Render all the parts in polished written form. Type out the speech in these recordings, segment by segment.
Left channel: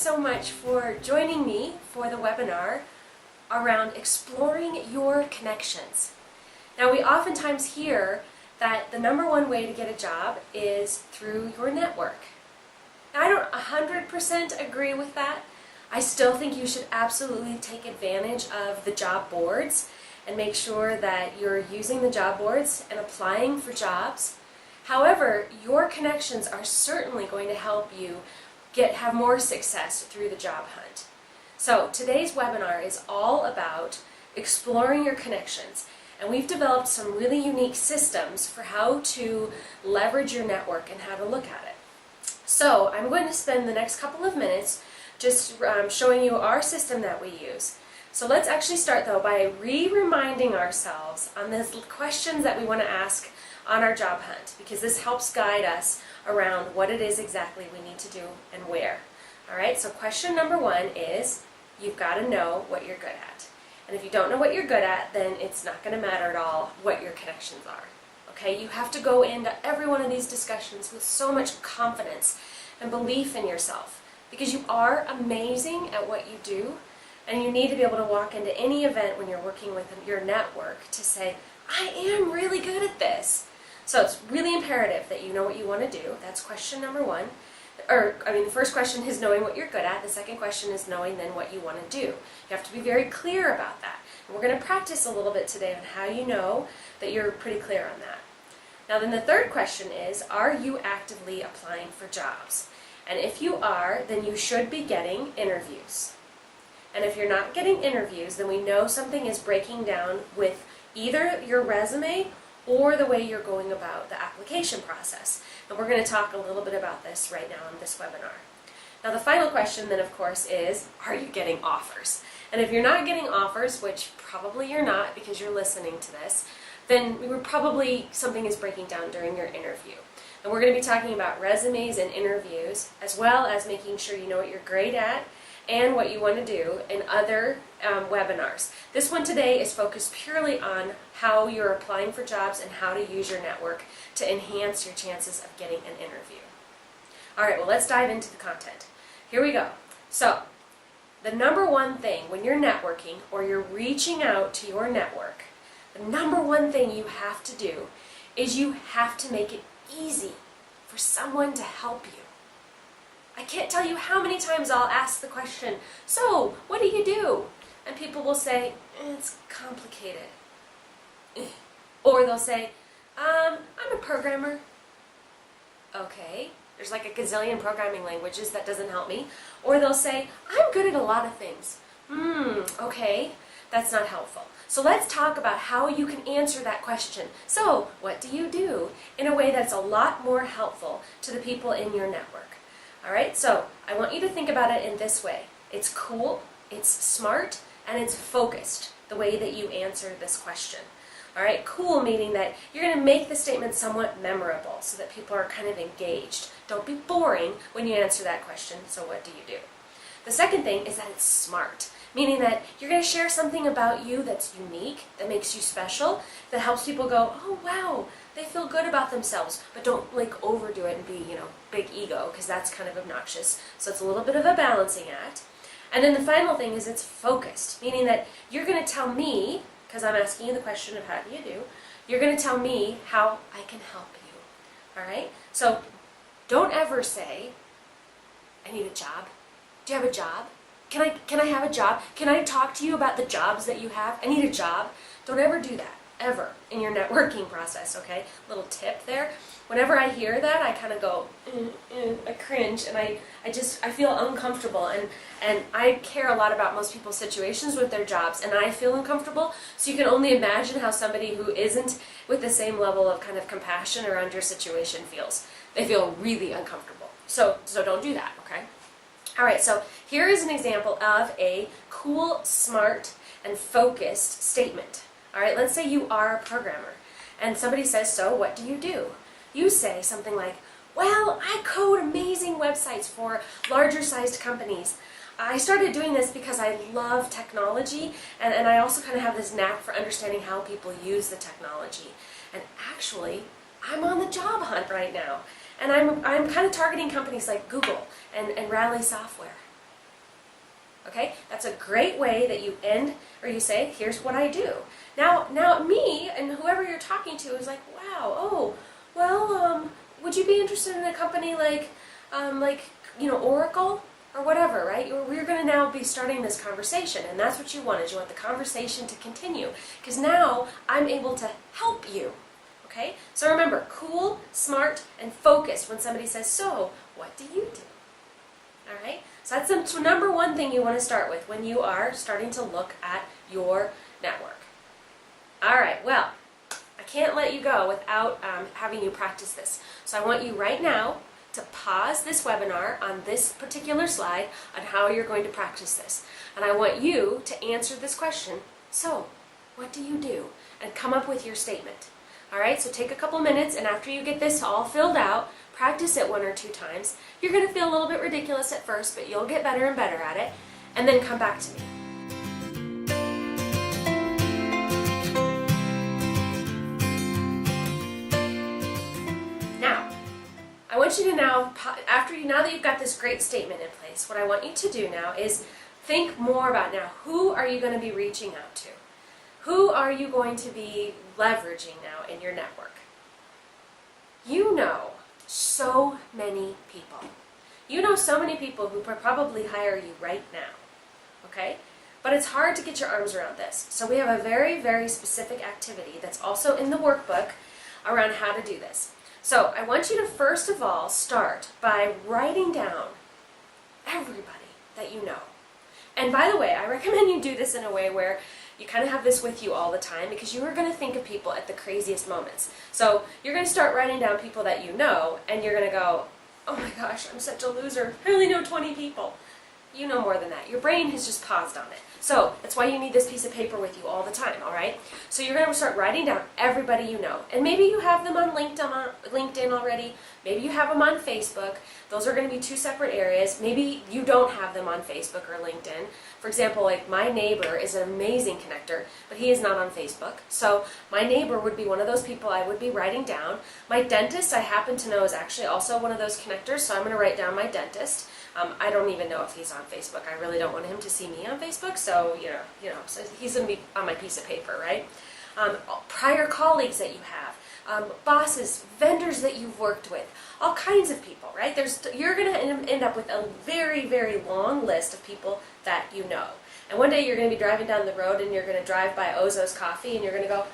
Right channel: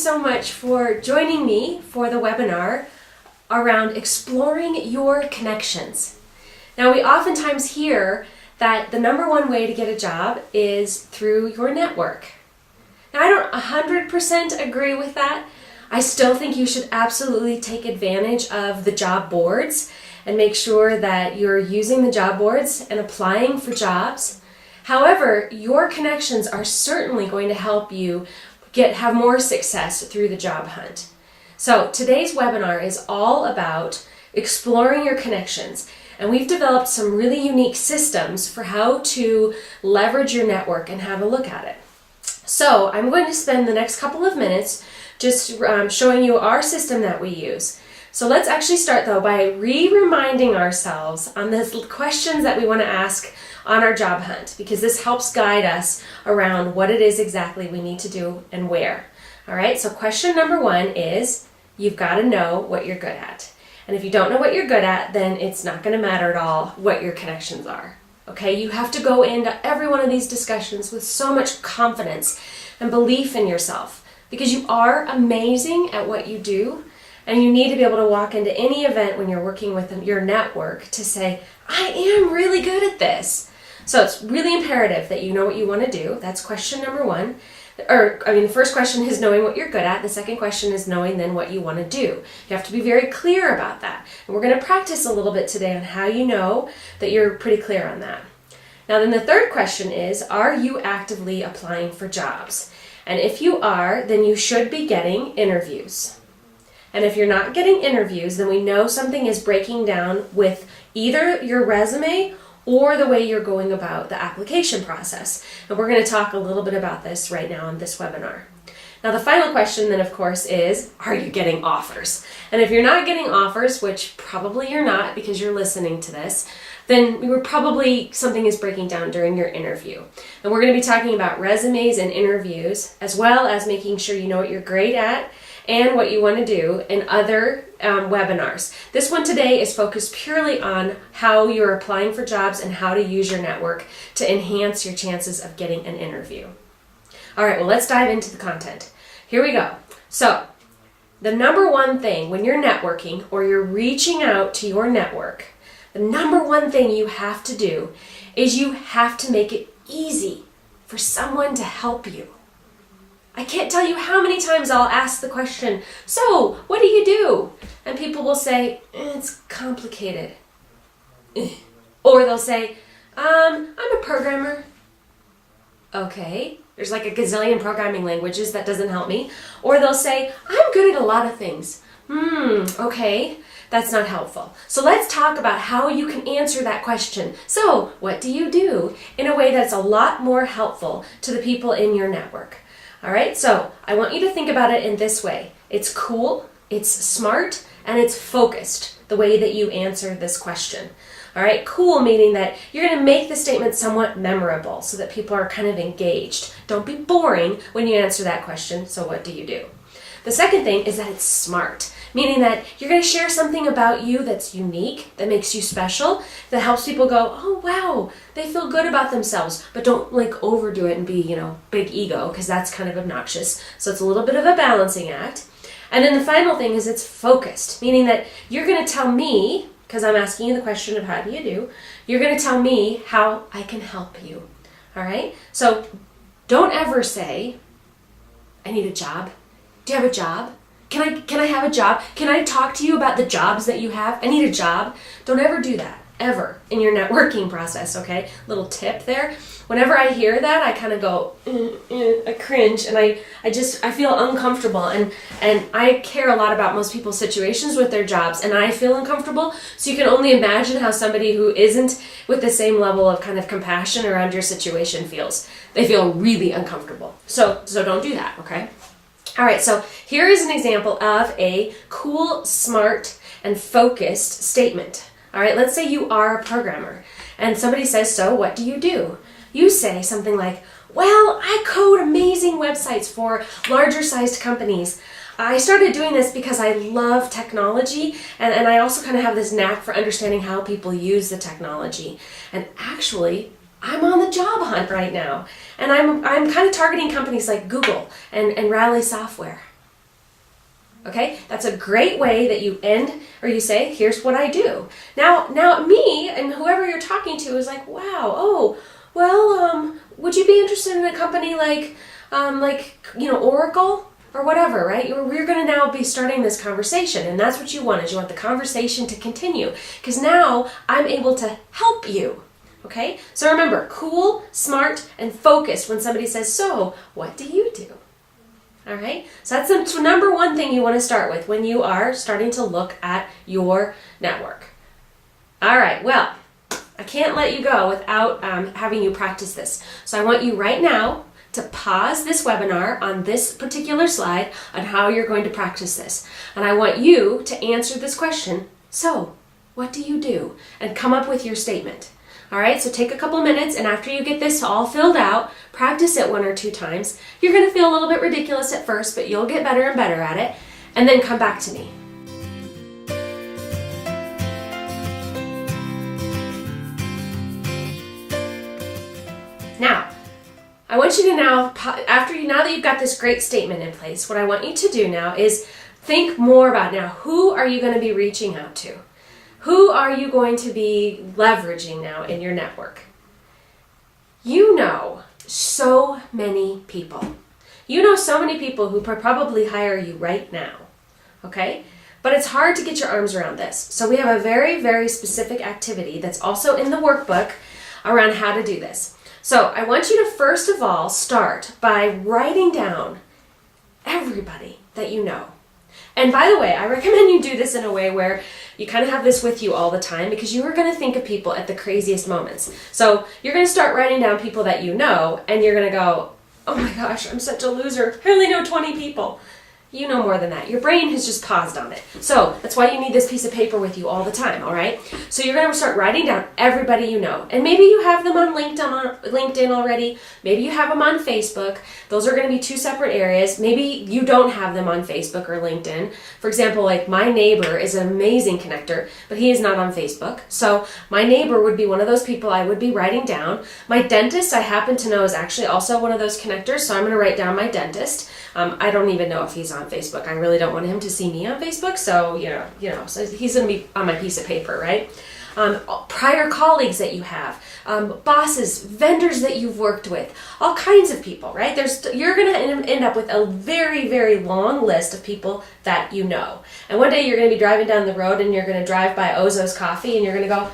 so much for joining me for the webinar around exploring your connections. Now, we oftentimes hear that the number one way to get a job is through your network. Now, I don't 100% agree with that. I still think you should absolutely take advantage of the job boards and make sure that you're using the job boards and applying for jobs. However, your connections are certainly going to help you have more success through the job hunt. So today's webinar is all about exploring your connections, and we've developed some really unique systems for how to leverage your network and have a look at it. So I'm going to spend the next couple of minutes just showing you our system that we use. So let's actually start though by reminding ourselves on the questions that we want to ask on our job hunt, because this helps guide us around what it is exactly we need to do and where. All right, so question number one is, you've got to know what you're good at. And if you don't know what you're good at, then it's not going to matter at all what your connections are. Okay, you have to go into every one of these discussions with so much confidence and belief in yourself, because you are amazing at what you do, and you need to be able to walk into any event when you're working with your network to say, I am really good at this. So it's really imperative that you know what you want to do. That's question number one. The first question is knowing what you're good at. The second question is knowing then what you want to do. You have to be very clear about that. And we're going to practice a little bit today on how you know that you're pretty clear on that. Now then the third question is, are you actively applying for jobs? And if you are, then you should be getting interviews. And if you're not getting interviews, then we know something is breaking down with either your resume or the way you're going about the application process. And we're going to talk a little bit about this right now on this webinar. Now the final question then of course is, are you getting offers? And if you're not getting offers, which probably you're not because you're listening to this, then something is breaking down during your interview. And we're going to be talking about resumes and interviews, as well as making sure you know what you're great at and what you want to do in other webinars. This one today is focused purely on how you're applying for jobs and how to use your network to enhance your chances of getting an interview. All right, well, let's dive into the content. Here we go. So the number one thing when you're networking or you're reaching out to your network, the number one thing you have to do is you have to make it easy for someone to help you. I can't tell you how many times I'll ask the question, so what do you do? And people will say, it's complicated. Or they'll say, I'm a programmer. Okay, there's like a gazillion programming languages, that doesn't help me. Or they'll say, I'm good at a lot of things. Okay, that's not helpful. So let's talk about how you can answer that question. So what do you do? In a way that's a lot more helpful to the people in your network. All right, so I want you to think about it in this way. It's cool, it's smart, and it's focused, the way that you answer this question. All right, cool meaning that you're going to make the statement somewhat memorable so that people are kind of engaged. Don't be boring when you answer that question, so what do you do? The second thing is that it's smart, meaning that you're going to share something about you that's unique, that makes you special, that helps people go, oh wow, they feel good about themselves, but don't like overdo it and be, big ego, because that's kind of obnoxious. So it's a little bit of a balancing act. And then the final thing is it's focused, meaning that you're going to tell me, because I'm asking you the question of how do you do, you're going to tell me how I can help you. All right? So don't ever say, I need a job. Do you have a job? Can I have a job? Can I talk to you about the jobs that you have? I need a job. Don't ever do that, ever, in your networking process, okay? Little tip there. Whenever I hear that, I kind of go, I cringe, and I feel uncomfortable, and I care a lot about most people's situations with their jobs, and I feel uncomfortable, so you can only imagine how somebody who isn't with the same level of kind of compassion around your situation feels. They feel really uncomfortable. So don't do that, okay? All right, so here is an example of a cool, smart, and focused statement. All right, let's say you are a programmer, and somebody says, so what do you do? You say something like, well, I code amazing websites for larger sized companies. I started doing this because I love technology, and I also kind of have this knack for understanding how people use the technology. And actually, I'm on the job hunt right now, and I'm kind of targeting companies like Google and Rally Software. Okay, that's a great way that you end, or you say, here's what I do. Now me and whoever you're talking to is like, wow, oh, well, would you be interested in a company like Oracle or whatever, right? We're going to now be starting this conversation, and that's what you want, is you want the conversation to continue, because now I'm able to help you. Okay, so remember, cool, smart, and focused when somebody says, so what do you do? All right, so that's the number one thing you want to start with when you are starting to look at your network. All right, well, I can't let you go without having you practice this. So I want you right now to pause this webinar on this particular slide on how you're going to practice this. And I want you to answer this question, so what do you do? And come up with your statement. All right, so take a couple minutes, and after you get this all filled out, practice it 1 or 2 times. You're going to feel a little bit ridiculous at first, but you'll get better and better at it, and then come back to me. Now, I want you to now that you've got this great statement in place, what I want you to do now is think more about now, who are you going to be reaching out to? Who are you going to be leveraging now in your network? You know so many people. You know so many people who probably hire you right now, okay? But it's hard to get your arms around this. So we have a very, very specific activity that's also in the workbook around how to do this. So I want you to first of all start by writing down everybody that you know. And by the way, I recommend you do this in a way where you kind of have this with you all the time, because you are going to think of people at the craziest moments. So you're going to start writing down people that you know, and you're going to go, oh my gosh, I'm such a loser. I only know 20 people. You know more than that. Your brain has just paused on it. So that's why you need this piece of paper with you all the time, all right? So you're going to start writing down everybody you know. And maybe you have them on LinkedIn already. Maybe you have them on Facebook. Those are going to be 2 separate areas. Maybe you don't have them on Facebook or LinkedIn. For example, like my neighbor is an amazing connector, but he is not on Facebook. So my neighbor would be one of those people I would be writing down. My dentist, I happen to know, is actually also one of those connectors, so I'm going to write down my dentist. I don't even know if he's on Facebook. I really don't want him to see me on Facebook, so so he's going to be on my piece of paper, right? Prior colleagues that you have, bosses, vendors that you've worked with, all kinds of people, right? You're going to end up with a very, very long list of people that you know. And one day you're going to be driving down the road, and you're going to drive by Ozo's Coffee, and you're going to go,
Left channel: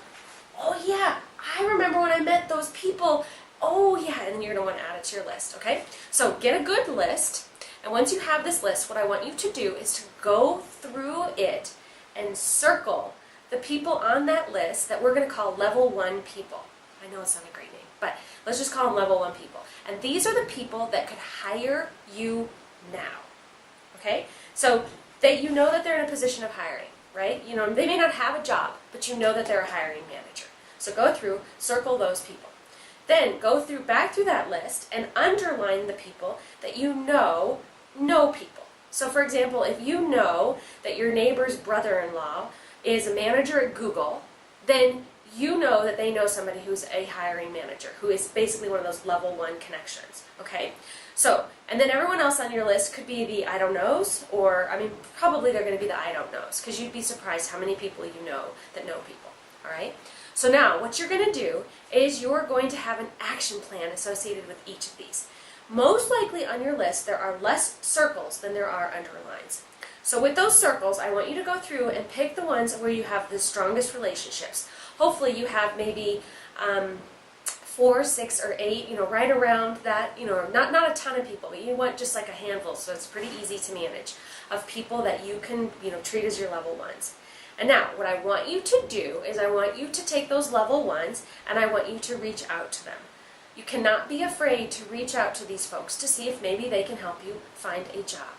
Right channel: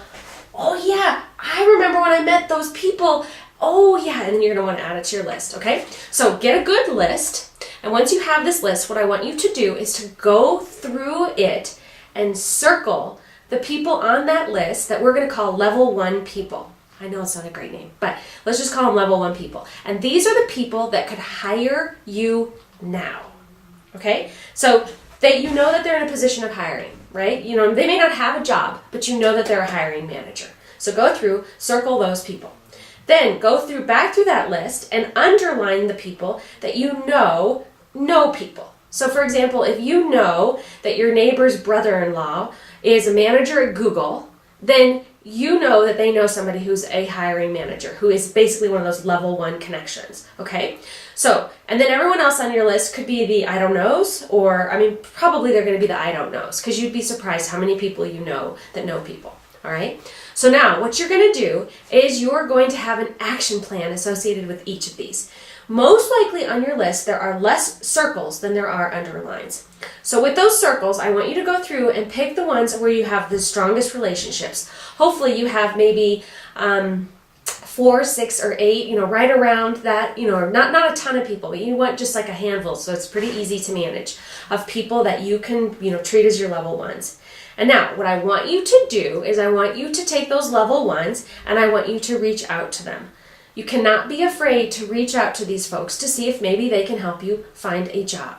oh yeah, I remember when I met those people. Oh yeah, and then you're going to want to add it to your list, okay? So get a good list. And once you have this list, what I want you to do is to go through it and circle the people on that list that we're going to call level 1 people. I know it's not a great name, but let's just call them level 1 people. And these are the people that could hire you now, okay? So you know that they're in a position of hiring, right? You know, they may not have a job, but you know that they're a hiring manager. So go through, circle those people. Then go back through that list and underline the people that you know people. So for example, if you know that your neighbor's brother-in-law is a manager at Google, then you know that they know somebody who's a hiring manager, who is basically one of those level 1 connections, okay? So, and then everyone else on your list could be the I don't knows, or, I mean, probably they're going to be the I don't knows, because you'd be surprised how many people you know that know people, all right? So now, what you're going to do is you're going to have an action plan associated with each of these. Most likely on your list, there are less circles than there are underlines. So with those circles, I want you to go through and pick the ones where you have the strongest relationships. Hopefully you have maybe 4, 6, or 8, right around that, not a ton of people, but you want just like a handful, so it's pretty easy to manage, of people that you can, treat as your level 1s. And now, what I want you to do is I want you to take those level 1s and I want you to reach out to them. You cannot be afraid to reach out to these folks to see if maybe they can help you find a job.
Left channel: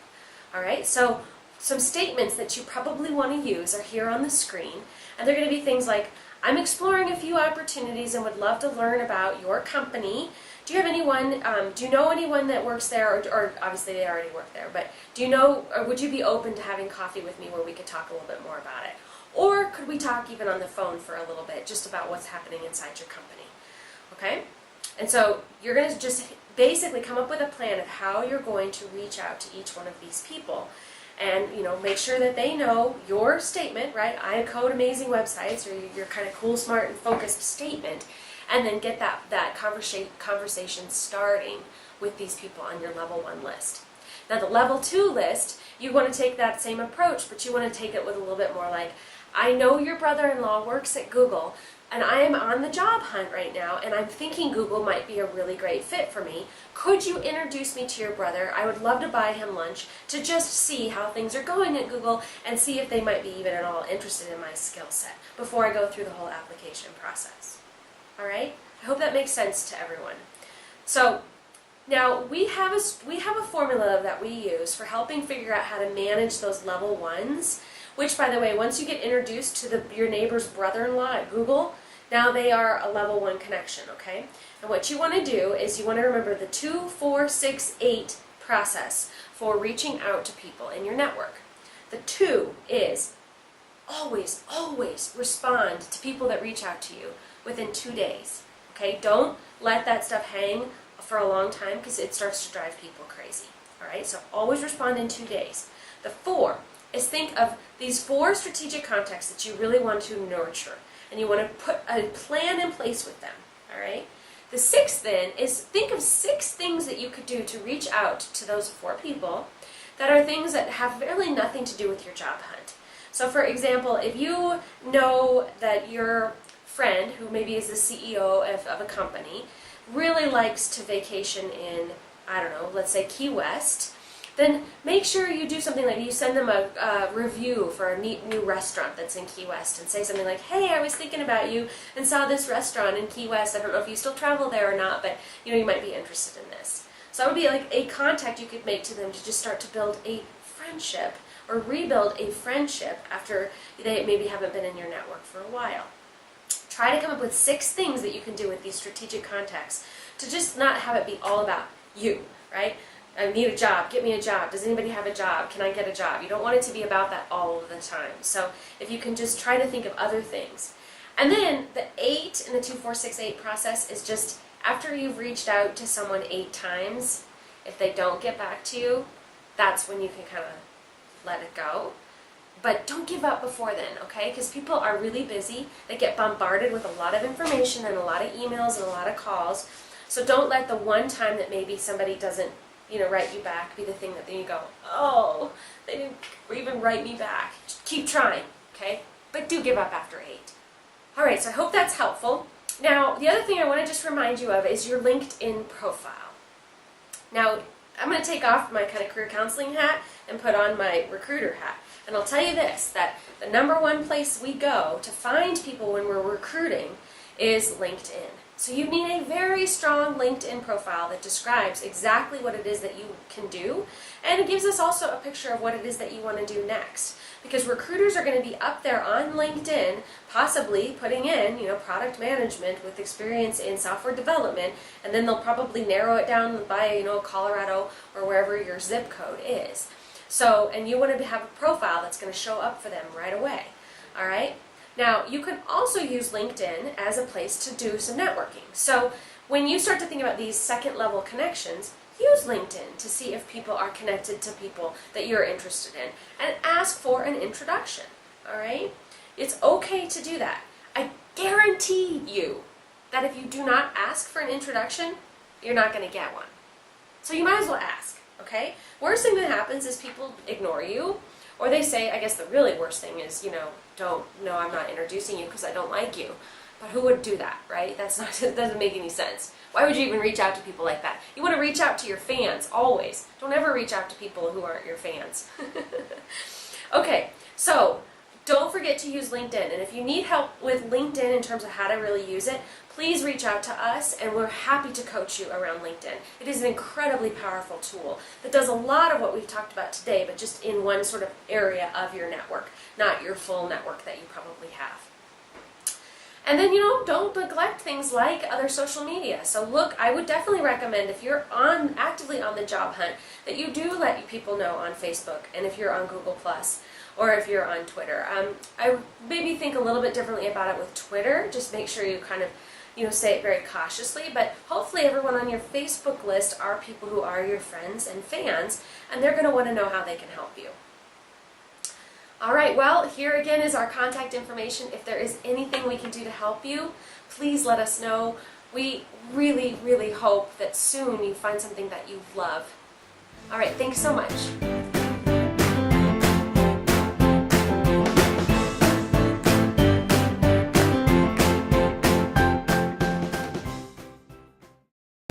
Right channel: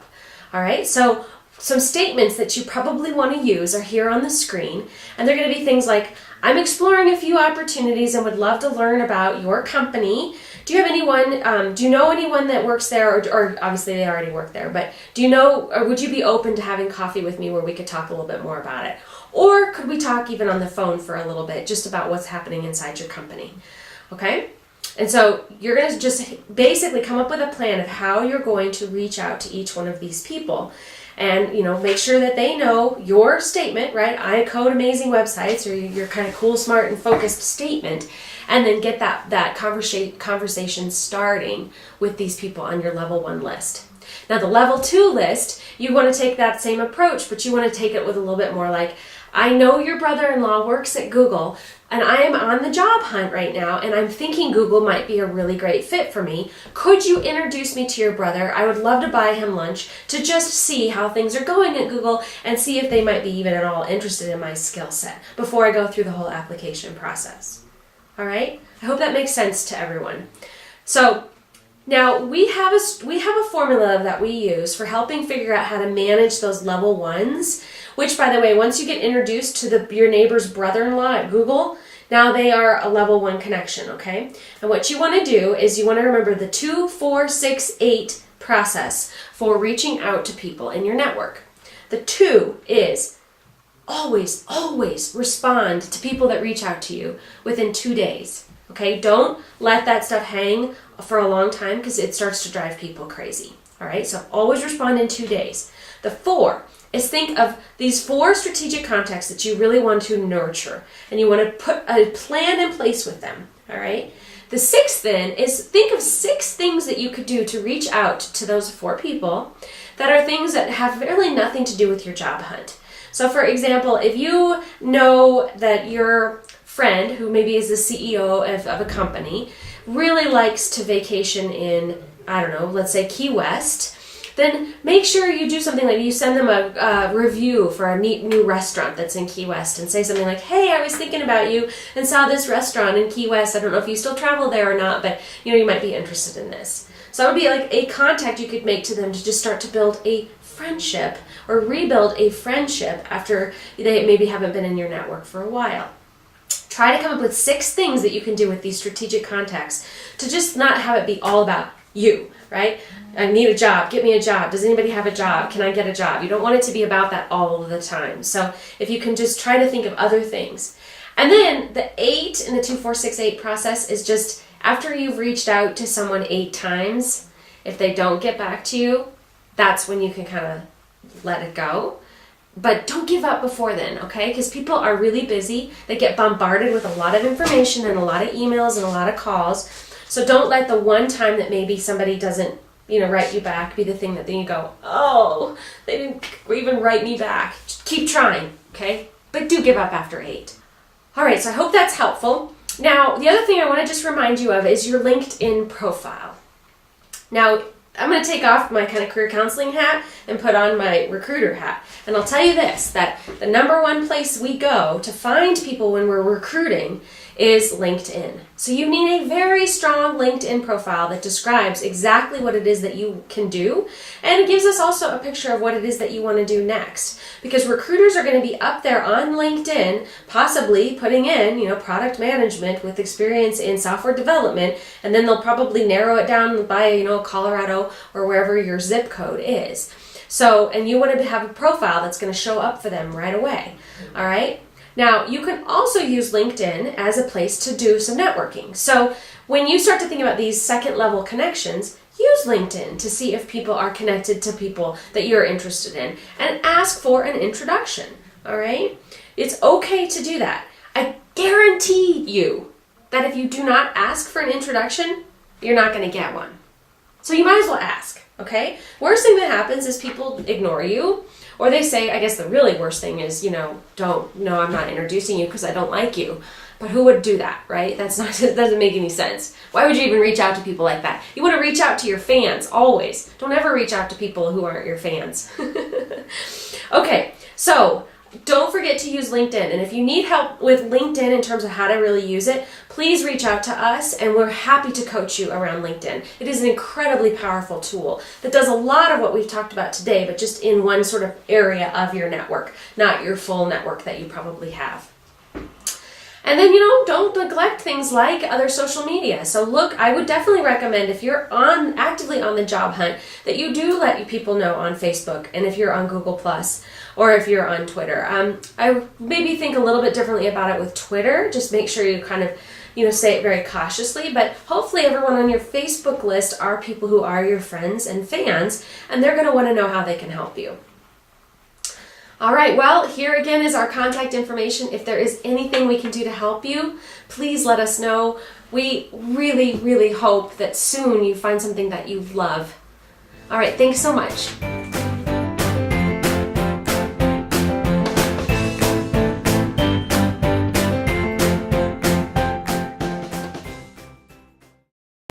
All right, so some statements that you probably want to use are here on the screen, and they're going to be things like, I'm exploring a few opportunities and would love to learn about your company. Do you know anyone that works there, or obviously they already work there, but or would you be open to having coffee with me where we could talk a little bit more about it? Or could we talk even on the phone for a little bit just about what's happening inside your company? Okay? And so you're going to just basically come up with a plan of how you're going to reach out to each one of these people. and make sure that they know your statement, right? I code amazing websites, or your kind of cool, smart, and focused statement, and then get that conversation starting with these people on your level 1 list. Now the level 2 list, you want to take that same approach, but you want to take it with a little bit more like, I know your brother-in-law works at Google, and I am on the job hunt right now, and I'm thinking Google might be a really great fit for me. Could you introduce me to your brother? I would love to buy him lunch to just see how things are going at Google and see if they might be even at all interested in my skill set before I go through the whole application process. All right? I hope that makes sense to everyone. So now we have a formula that we use for helping figure out how to manage those level 1s, which, by the way, once you get introduced to your neighbor's brother-in-law at Google, now they are a level 1 connection, okay? And what you want to do is you want to remember the 2, 4, 6, 8 process for reaching out to people in your network. The 2 is always respond to people that reach out to you within 2 days, okay? Don't let that stuff hang for a long time, because it starts to drive people crazy, all right? So always respond in 2 days. The 4 is think of these 4 strategic contacts that you really want to nurture, and you want to put a plan in place with them, all right? The 6th then is think of 6 things that you could do to reach out to those 4 people that are things that have really nothing to do with your job hunt. So for example, if you know that your friend, who maybe is the CEO of a company, really likes to vacation in, I don't know, let's say Key West, then make sure you do something like you send them a review for a neat new restaurant that's in Key West, and say something like, hey, I was thinking about you and saw this restaurant in Key West. I don't know if you still travel there or not, but you might be interested in this. So that would be like a contact you could make to them to just start to build a friendship or rebuild a friendship after they maybe haven't been in your network for a while. Try to come up with 6 things that you can do with these strategic contacts to just not have it be all about you, right? I need a job. Get me a job. Does anybody have a job? Can I get a job? You don't want it to be about that all of the time. So if you can just try to think of other things. And then the 8 in the 2, 4, 6, 8 process is just after you've reached out to someone 8 times, if they don't get back to you, that's when you can kind of let it go. But don't give up before then, okay? Because people are really busy. They get bombarded with a lot of information and a lot of emails and a lot of calls. So don't let the one time that maybe somebody doesn't write you back be the thing that then you go, oh, they didn't even write me back. Just keep trying, okay? But do give up after 8. All right, so I hope that's helpful. Now, the other thing I want to just remind you of is your LinkedIn profile. Now, I'm going to take off my kind of career counseling hat and put on my recruiter hat. And I'll tell you this, that the number 1 place we go to find people when we're recruiting is LinkedIn. So you need a very strong LinkedIn profile that describes exactly what it is that you can do, and it gives us also a picture of what it is that you want to do next. Because recruiters are going to be up there on LinkedIn, possibly putting in, product management with experience in software development, and then they'll probably narrow it down by, Colorado or wherever your zip code is. So, and you want to have a profile that's going to show up for them right away. All right? Now, you can also use LinkedIn as a place to do some networking. So when you start to think about these second-level connections, use LinkedIn to see if people are connected to people that you're interested in, and ask for an introduction, all right? It's okay to do that. I guarantee you that if you do not ask for an introduction, you're not going to get one. So you might as well ask, okay? Worst thing that happens is people ignore you. Or they say, I guess the really worst thing is, I'm not introducing you because I don't like you. But who would do that, right? That doesn't make any sense. Why would you even reach out to people like that? You want to reach out to your fans, always. Don't ever reach out to people who aren't your fans. Okay, so don't forget to use LinkedIn. And if you need help with LinkedIn in terms of how to really use it, please reach out to us, and we're happy to coach you around LinkedIn. It is an incredibly powerful tool that does a lot of what we've talked about today, but just in one sort of area of your network, not your full network that you probably have. And then, don't neglect things like other social media. So look, I would definitely recommend, if you're actively on the job hunt, that you do let people know on Facebook, and if you're on Google+, or if you're on Twitter. I maybe think a little bit differently about it with Twitter. Just make sure you kind of, say it very cautiously. But hopefully everyone on your Facebook list are people who are your friends and fans, and they're going to want to know how they can help you. All right, well, here again is our contact information. If there is anything we can do to help you, please let us know. We really, really hope that soon you find something that you love. All right, thanks so much.